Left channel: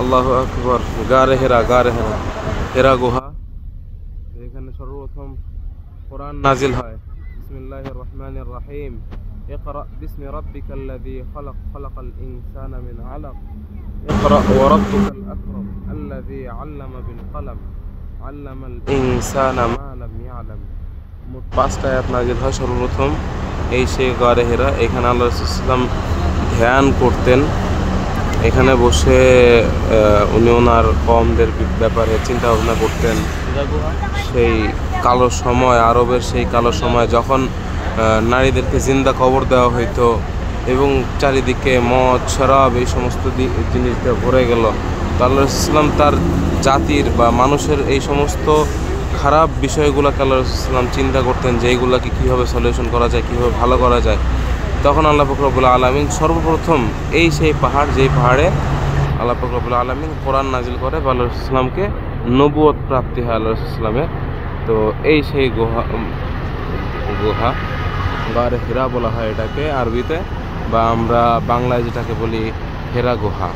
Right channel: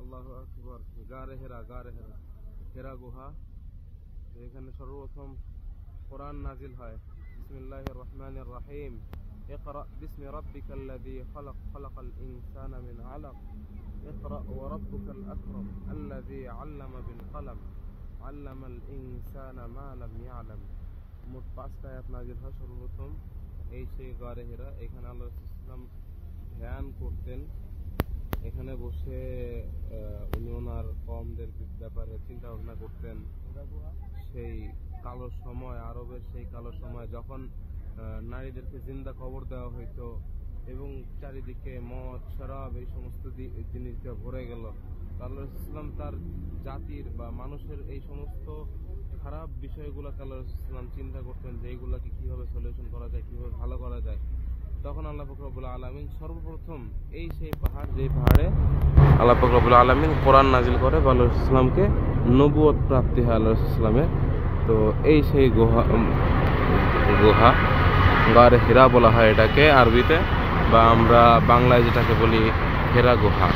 আল্লাহু আকবার। গারে হেরা, গারে হেরা, হেরা গুহা। এখানে সর্বপ্রথম কোরআন নাজিল হয়। বিসমিল্লাহির রহমানির রহিম। ইকরা বিসমি রাব্বিকাল্লাযী খালাক, খালাকাল ইনসানা মিন আলাক। ইকরা ওয়া রাব্বুকাল আকরাম আল্লাযী আল্লামা বিল কলম আল্লামাল ইনসানা মা লাম ইয়ালাম। মোট 5টা আয়াত নাজিল হয় সর্বপ্রথম। এই সেই গারে হেরা। এখানে আল্লাহ রাসূল সাল্লাল্লাহু আলাইহি ওয়াসাল্লাম ধ্যান করতেন। এখানে বসে উনি ওনার কওমদের ব্যাপারে চিন্তা ভাবনা করতেন। সেই কালো সময়, আরবের সেই কালো সময় যখন নারীদেরকে জিন্দা কবর দেওয়া হইতো এবং চারিদিকে মদ, শরাব এই সমস্ত জিনিস দিয়ে ভরে গেল। তো আল্লাহ রাসূল সাল্লাল্লাহু আলাইহি ওয়াসাল্লাম তার জাতির বা মানুষের এই সমস্ত খারাপ বিষয়গুলোকে আল্লাহ রাসূল সাল্লাল্লাহু আলাইহি ওয়াসাল্লাম চিন্তা করতেন যে এইগুলাকে কীভাবে সলিউশন করা যায়, কীভাবে ভালো করা যায়। তখন আল্লাহ পাক রব্বুল আলামিন সর্বপ্রথম এই সেই পাহাড়, যেই পাহাড়ে আল্লাহ পাক রব্বুল আলামিন কোরআন নাজিল করে বা আল্লাহ রাসূল সাল্লাল্লাহু আলাইহি ওয়াসাল্লামকে নবুয়ত প্রাপ্তি হয় আল্লাহ রাসূল সাল্লাল্লাহু আলাইহি ওয়াসাল্লামের। তো এই সেই গুহা গারে হিরা বলা হয় এটাকে আরবিতে, বা আমরা বাংলায় যেটাকে বলি হেরা গুহা।